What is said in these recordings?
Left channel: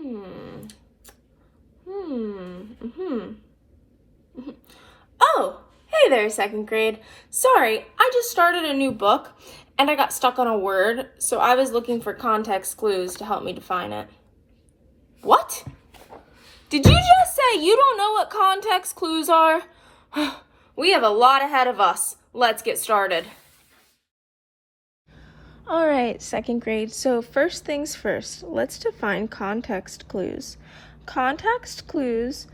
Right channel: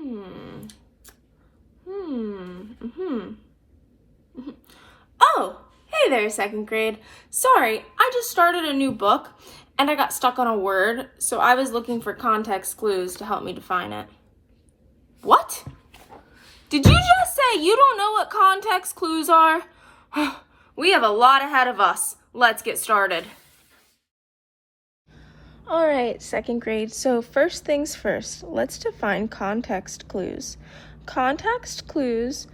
Hmm. Oh, hey there, second grade. Sorry, I just started a new book and I got stuck on a word, so I was looking for context clues to help me define it. What? Did you just say you don't know what context clues are? We have a lot ahead of us. Let's get started. All right, second grade. So first things first, let's define context clues. Context clues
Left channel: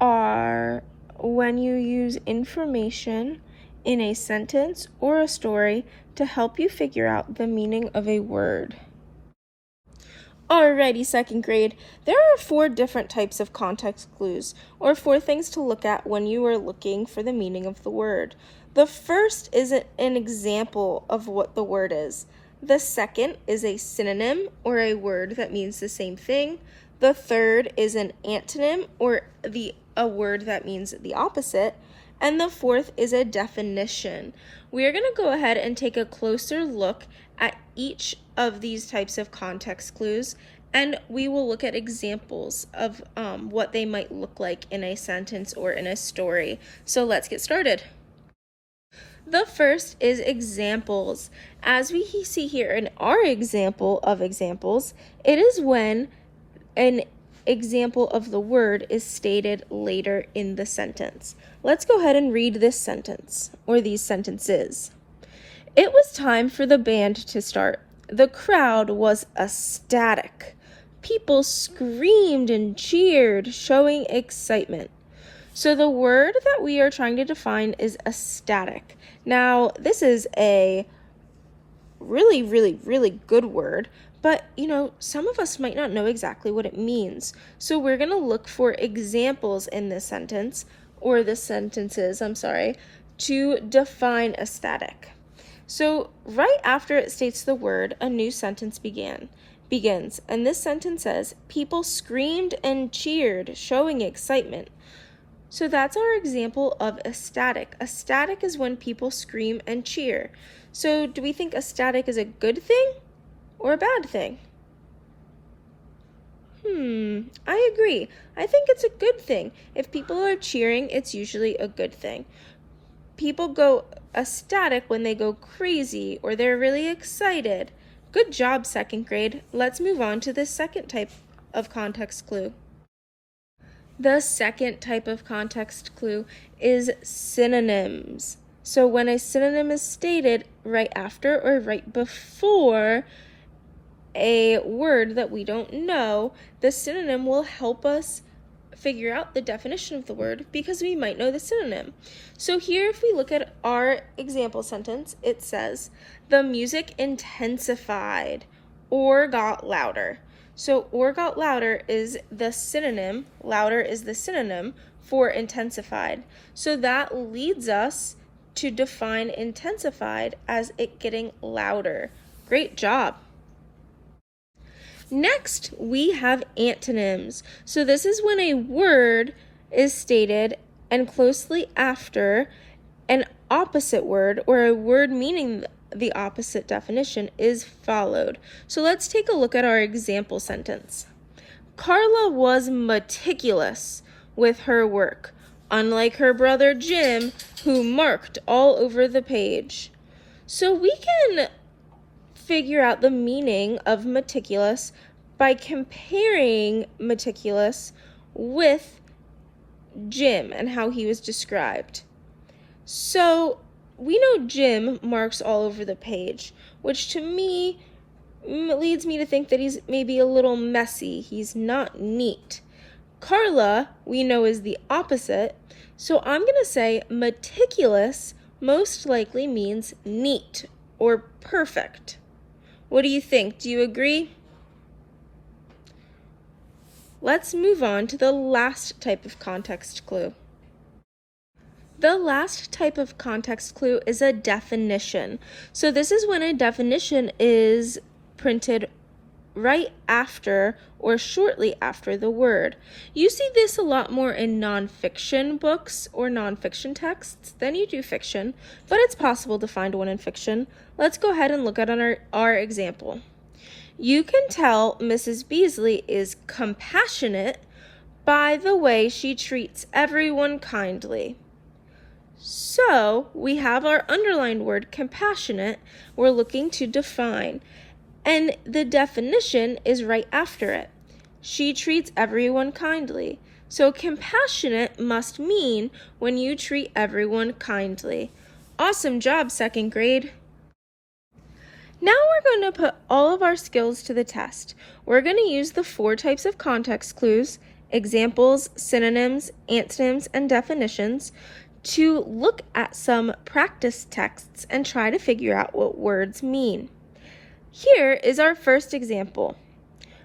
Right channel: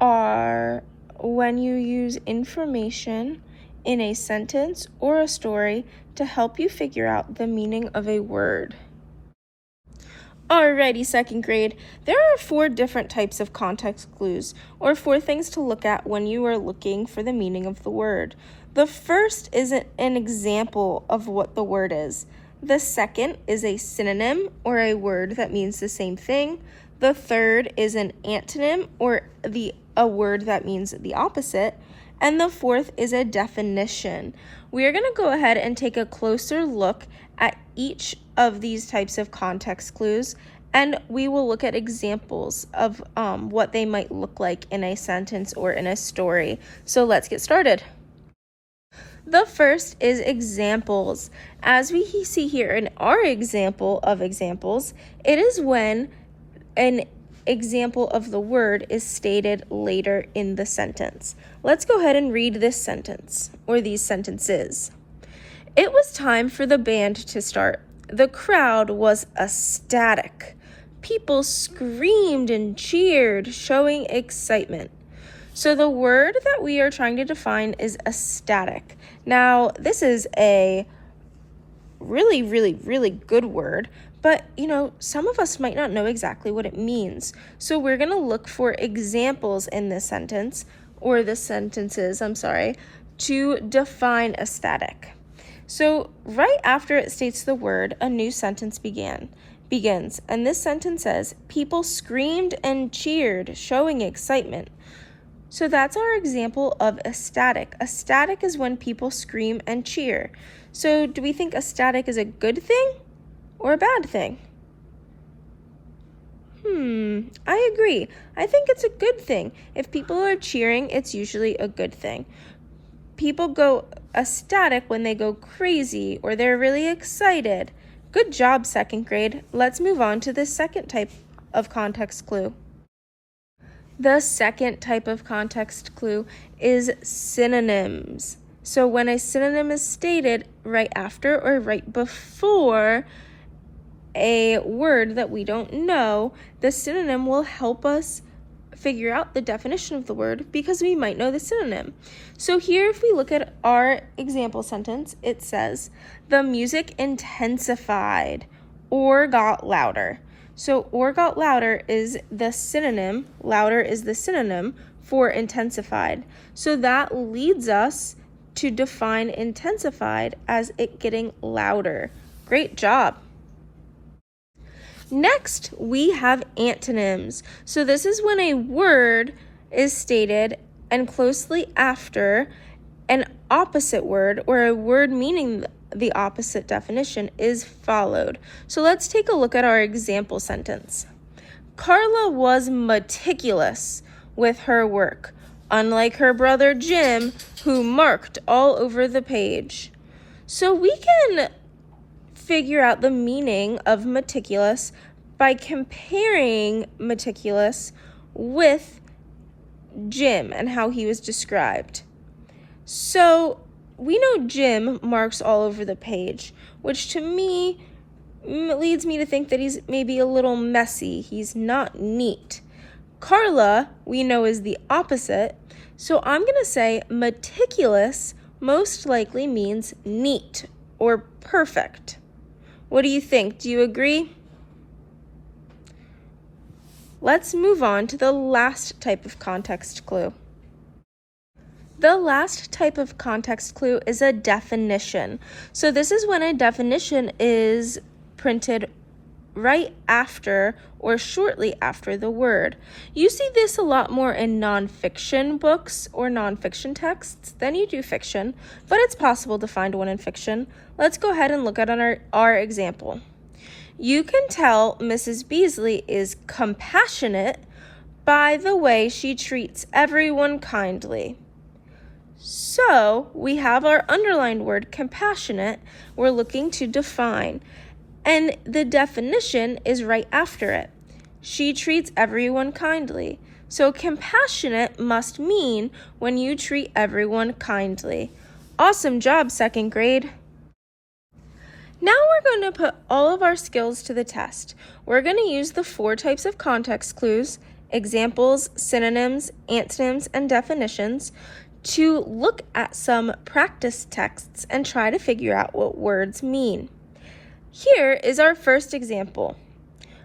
are when you use information in a sentence or a story to help you figure out the meaning of a word. Alrighty, second grade. There are 4 different types of context clues, or 4 things to look at when you are looking for the meaning of the word. The first is an example of what the word is. The second is a synonym, or a word that means the same thing. The third is an antonym, or a word that means the opposite. And the fourth is a definition. We are going to go ahead and take a closer look at each of these types of context clues, and we will look at examples of what they might look like in a sentence or in a story. So let's get started. The first is examples. As we see here in our example of examples, it is when an example of the word is stated later in the sentence. Let's go ahead and read this sentence, or these sentences. It was time for the band to start. The crowd was ecstatic. People screamed and cheered, showing excitement. So the word that we are trying to define is ecstatic. Now, this is a really, really, really good word, but some of us might not know exactly what it means. So we're going to look for examples in this sentence, or the sentences, to define ecstatic. So right after it states the word, a new sentence begins, and this sentence says, people screamed and cheered, showing excitement. So that's our example of ecstatic. Ecstatic is when people scream and cheer. So do we think ecstatic is a good thing or a bad thing? I agree. I think it's a good thing. If people are cheering, it's usually a good thing. People go ecstatic when they go crazy or they're really excited. Good job, second grade. Let's move on to the second type of context clue. The second type of context clue is synonyms. So when a synonym is stated right after or right before a word that we don't know, the synonym will help us figure out the definition of the word because we might know the synonym. So here, if we look at our example sentence, it says, the music intensified or got louder. So or got louder is the synonym, louder is the synonym for intensified. So that leads us to define intensified as it getting louder. Great job. Next, we have antonyms. So this is when a word is stated and closely after an opposite word or a word meaning the opposite definition is followed. So let's take a look at our example sentence. Carla was meticulous with her work, unlike her brother Jim, who marked all over the page. So we can figure out the meaning of meticulous by comparing meticulous with Jim and how he was described. So we know Jim marks all over the page, which to me leads me to think that he's maybe a little messy. He's not neat. Carla, we know, is the opposite. So I'm going to say meticulous most likely means neat or perfect. What do you think? Do you agree? Let's move on to the last type of context clue. The last type of context clue is a definition. So this is when a definition is printed right after or shortly after the word. You see this a lot more in nonfiction books or nonfiction texts than you do fiction, but it's possible to find one in fiction. Let's go ahead and look at our example. You can tell Mrs. Beasley is compassionate by the way she treats everyone kindly. So we have our underlined word compassionate we're looking to define, and the definition is right after it. She treats everyone kindly. So compassionate must mean when you treat everyone kindly. Awesome job, second grade. Now we're going to put all of our skills to the test. We're going to use the 4 types of context clues, examples, synonyms, antonyms, and definitions to look at some practice texts and try to figure out what words mean. Here is our first example.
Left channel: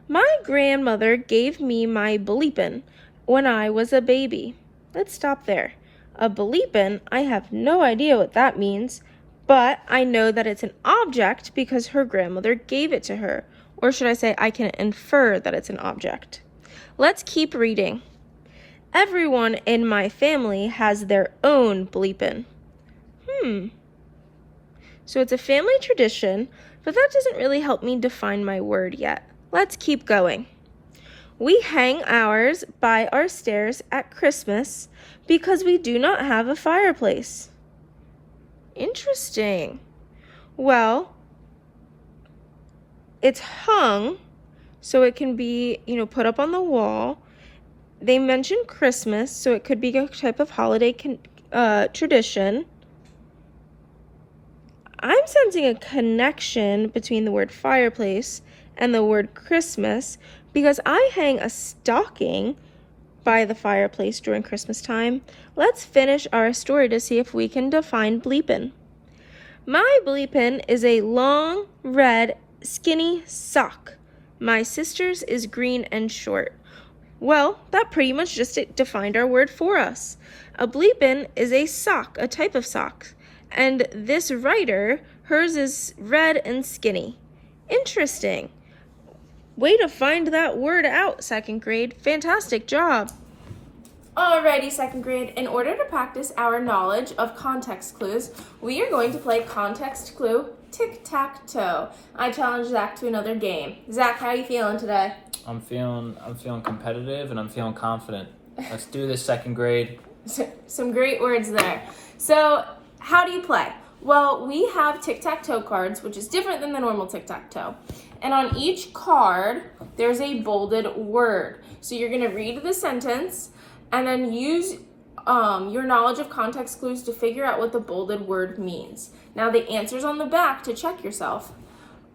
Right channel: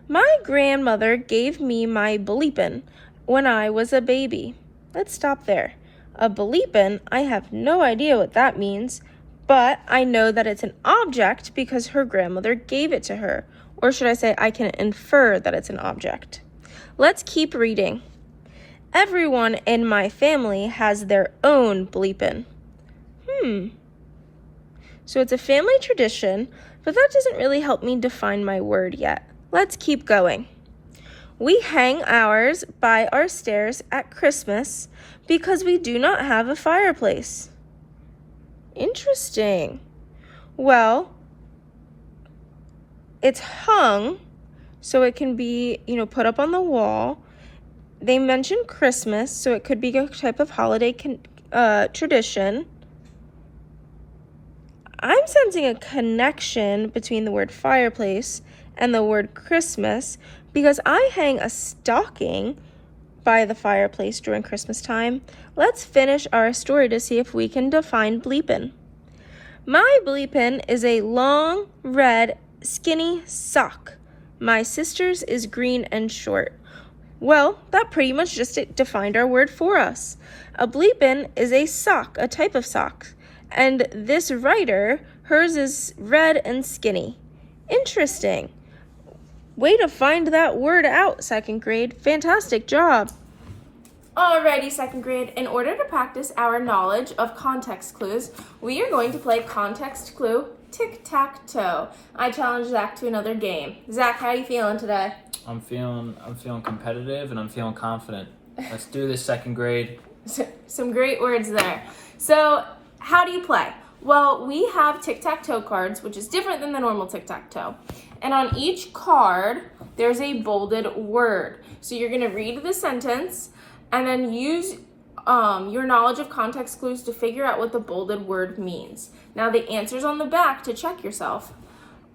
My grandmother gave me my bleepin' when I was a baby. Let's stop there. A bleepin', I have no idea what that means, but I know that it's an object because her grandmother gave it to her. Or should I say, I can infer that it's an object. Let's keep reading. Everyone in my family has their own bleepin'. So it's a family tradition, but that doesn't really help me define my word yet. Let's keep going. We hang ours by our stairs at Christmas because we do not have a fireplace. Interesting. Well, it's hung, so it can be, put up on the wall. They mentioned Christmas, so it could be a type of holiday tradition. I'm sensing a connection between the word fireplace and the word Christmas because I hang a stocking by the fireplace during Christmas time. Let's finish our story to see if we can define bleepin'. My bleepin' is a long, red, skinny sock. My sister's is green and short. Well, that pretty much just defined our word for us. A bleepin' is a sock, a type of sock. And this writer, hers is red and skinny. Interesting. Way to find that word out, second grade. Fantastic job. Alrighty, second grade. In order to practice our knowledge of context clues, we are going to play context clue tic-tac-toe. I challenge Zach to another game. Zach, how are you feeling today? I'm feeling competitive and I'm feeling confident. Let's do this, second grade. Some great words there. So, how do you play? Well, we have tic-tac-toe cards, which is different than the normal tic-tac-toe. And on each card, there's a bolded word. So you're going to read the sentence and then use your knowledge of context clues to figure out what the bolded word means. Now, the answer's on the back to check yourself.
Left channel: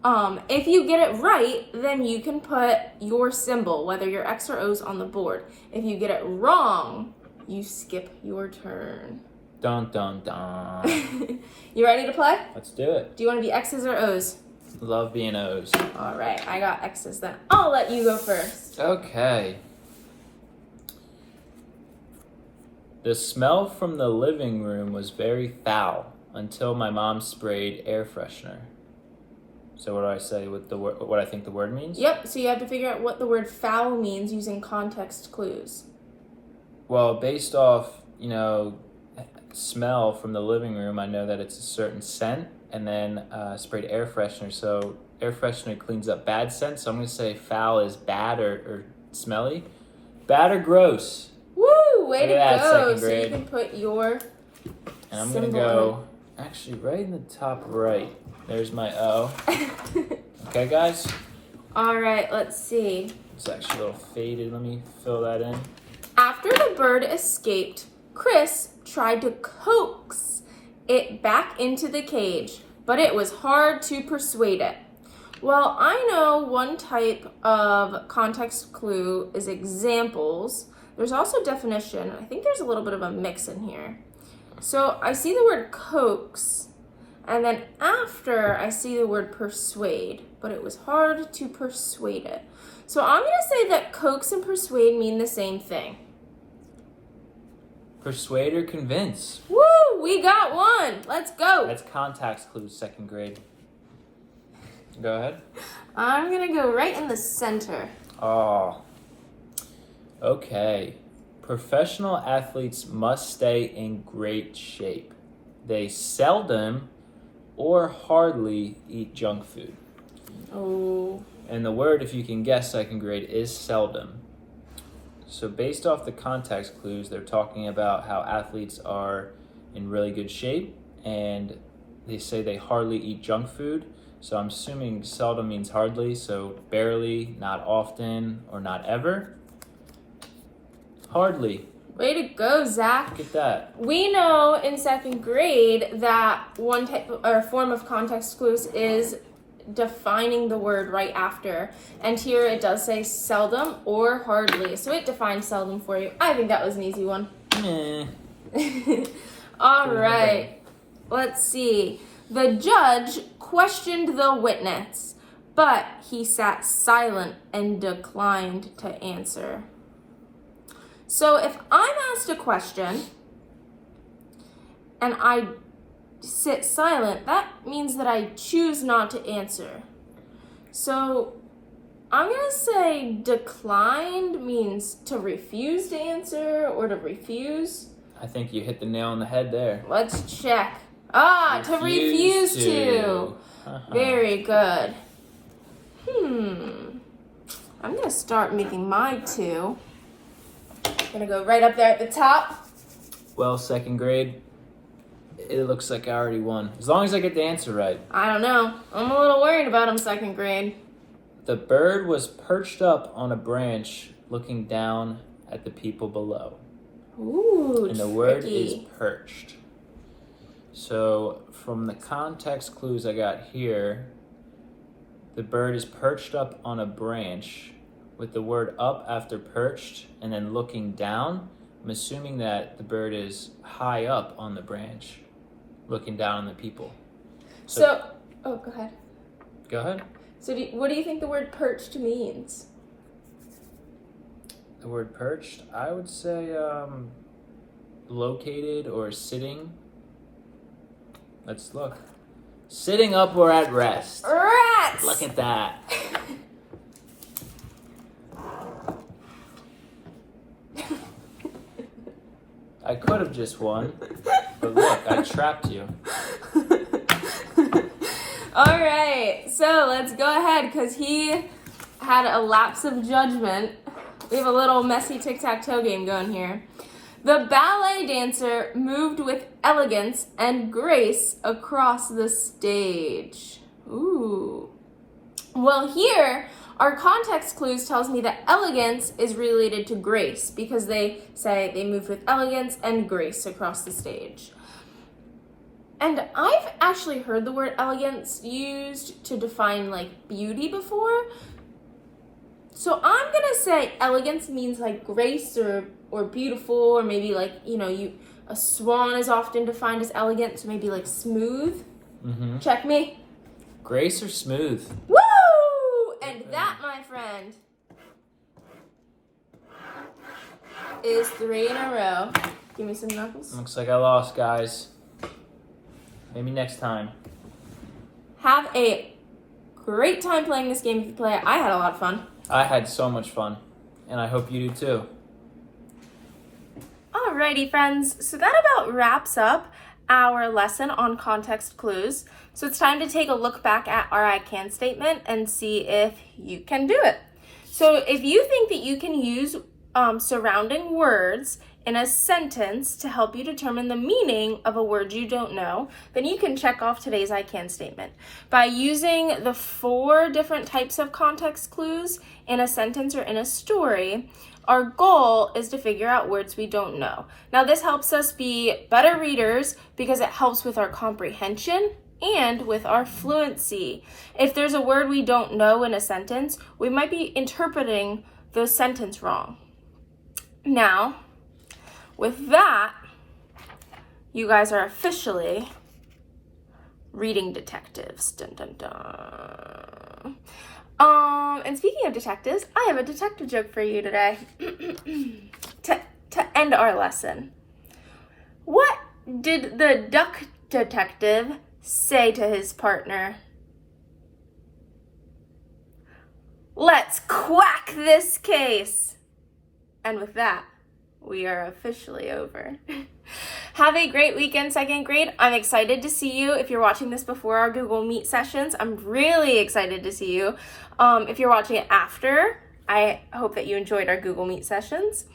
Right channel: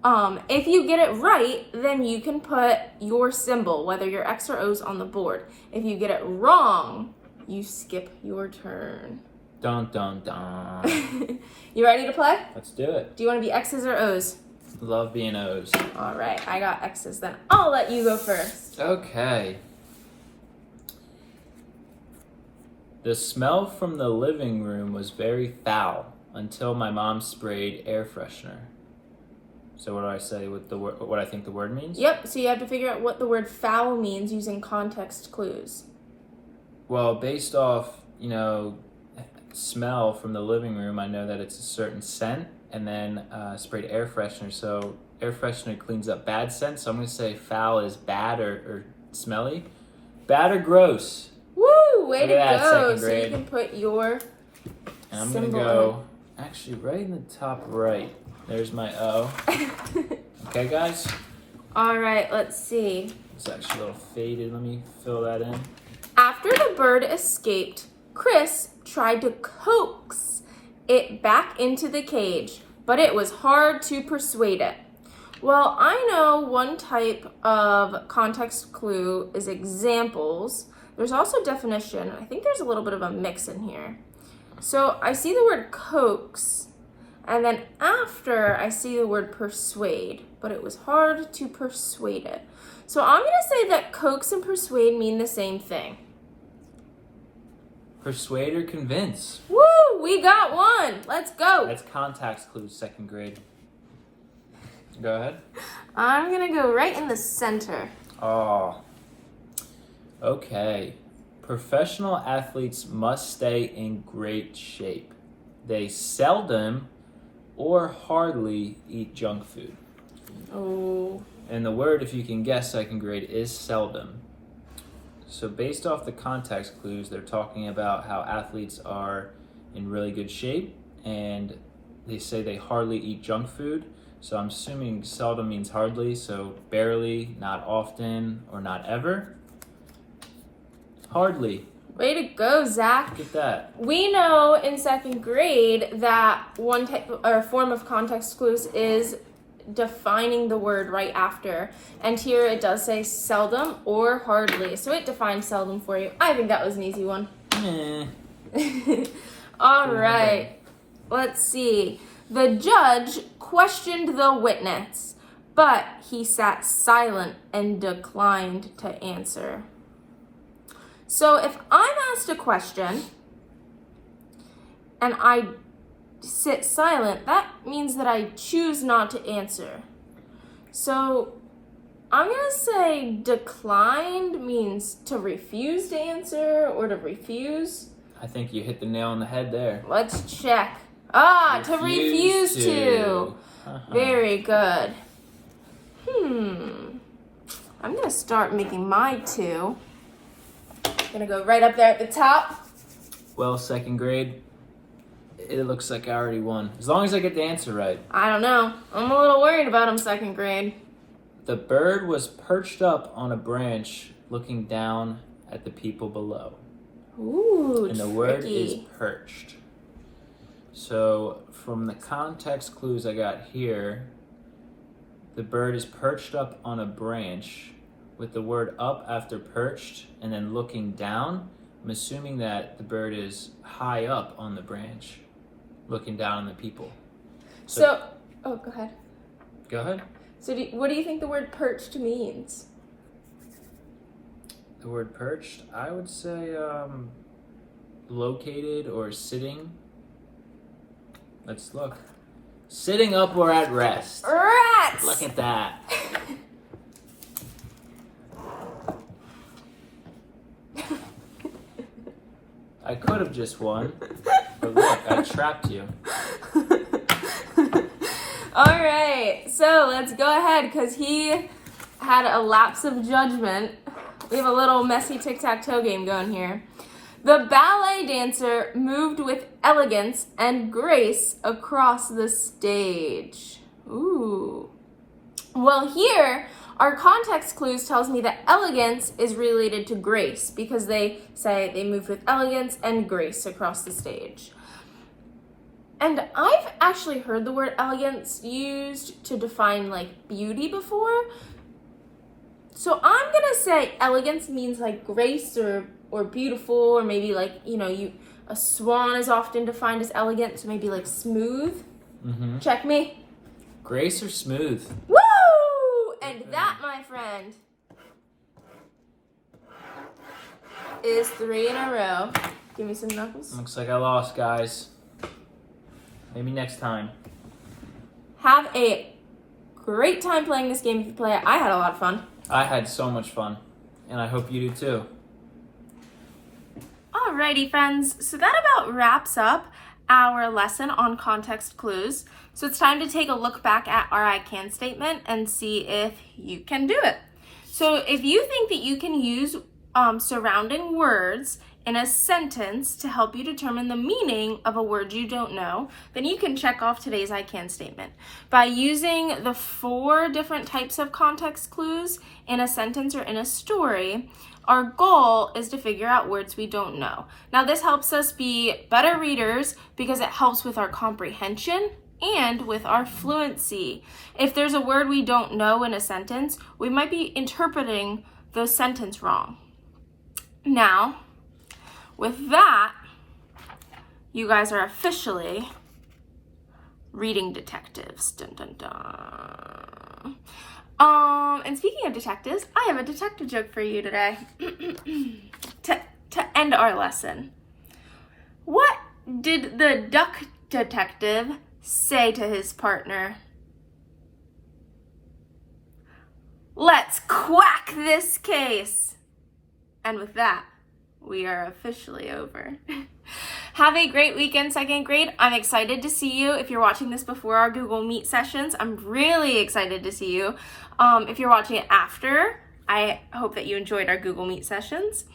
If you get it right, then you can put your symbol, whether your X or O's, on the board. If you get it wrong, you skip your turn. Dun, dun, dun. You ready to play? Let's do it. Do you want to be X's or O's? Love being O's. All right, I got X's then. I'll let you go first. Okay. The smell from the living room was very foul until my mom sprayed air freshener. So what do I say with the word? What I think the word means? Yep. So you have to figure out what the word foul means using context clues. Well, based off smell from the living room, I know that it's a certain scent, and then sprayed air freshener. So air freshener cleans up bad scent. So I'm gonna say foul is bad or smelly. Bad or gross. Woo! Way to that, go. second So you grade. can put your And I'm symbol gonna go actually right in the top right. There's my O. Okay, guys? All right, let's see. It's actually a little faded. Let me fill that in. After the bird escaped, Chris tried to coax it back into the cage, but it was hard to persuade it. Well, I know one type of context clue is examples. There's also definition. I think there's a little bit of a mix in here. So I see the word coax, and then after I see the word persuade, but it was hard to persuade it. So I'm going to say that coax and persuade mean the same thing. Persuade or convince. Woo! We got one. Let's go. That's context clues, second grade. Go ahead. I'm going to go right in the center. Oh. Okay. Professional athletes must stay in great shape. They seldom or hardly eat junk food. Oh, And the word, if you can guess second grade, is seldom. So based off the context clues, they're talking about how athletes are in really good shape, and they say they hardly eat junk food. So I'm assuming seldom means hardly, so barely, not often, or not ever. Hardly. Way to go, Zach. Look at that. We know in second grade that one type or form of context clues is defining the word right after. And here it does say seldom or hardly. So it defines seldom for you. I think that was an easy one. All right. Let's see. The judge questioned the witness, but he sat silent and declined to answer. So if I'm asked a question and I sit silent, that means that I choose not to answer. So I'm going to say declined means to refuse to answer or to refuse. I think you hit the nail on the head there. Let's check. To refuse to. Very good. I'm going to start making my two. Gonna go right up there at the top. Well, second grade, it looks like I already won. As long as I get the answer right. I don't know. I'm a little worried about him second grade. The bird was perched up on a branch looking down at the people below. Ooh, and the word is perched. So from the context clues I got here, the bird is perched up on a branch with the word up after perched and then looking down. I'm assuming that the bird is high up on the branch, looking down on the people. So go ahead. Go ahead. So what do you think the word perched means? The word perched, I would say located or sitting. Let's look. Sitting up or at rest. Rats! Look at that. I could have just won, but look, I trapped you. All right, so let's go ahead because he had a lapse of judgment. We have a little messy tic-tac-toe game going here. The ballet dancer moved with elegance and grace across the stage. Ooh. Well, here, our context clues tells me that elegance is related to grace because they say they moved with elegance and grace across the stage. And I've actually heard the word elegance used to define like beauty before. So I'm gonna say elegance means like grace or beautiful, or maybe like, a swan is often defined as elegant, so maybe like smooth. Mm-hmm. Check me. Grace or smooth? Woo! And that, my friend, is 3 in a row. Give me some knuckles. Looks like I lost, guys. Maybe next time. Have a great time playing this game if you play it. I had a lot of fun. I had so much fun, and I hope you do too. Alrighty, friends. So that about wraps up our lesson on context clues. So it's time to take a look back at our I can statement and see if you can do it. So if you think that you can use surrounding words in a sentence to help you determine the meaning of a word you don't know, then you can check off today's I can statement. By using the 4 different types of context clues in a sentence or in a story, our goal is to figure out words we don't know. Now, this helps us be better readers because it helps with our comprehension and with our fluency. If there's a word we don't know in a sentence, we might be interpreting the sentence wrong. Now, with that, you guys are officially reading detectives. Dun, dun, dun. And speaking of detectives, I have a detective joke for you today to end our lesson. What did the duck detective say to his partner? Let's quack this case. And with that, we are officially over. Have a great weekend, second grade. I'm excited to see you. If you're watching this before our Google Meet sessions, I'm really excited to see you. If you're watching it after, I hope that you enjoyed our Google Meet sessions.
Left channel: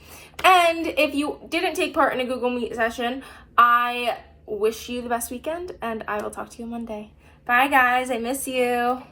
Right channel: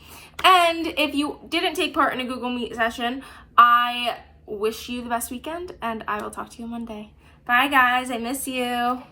And if you didn't take part in a Google Meet session, I wish you the best weekend, and I will talk to you Monday. Bye, guys. I miss you.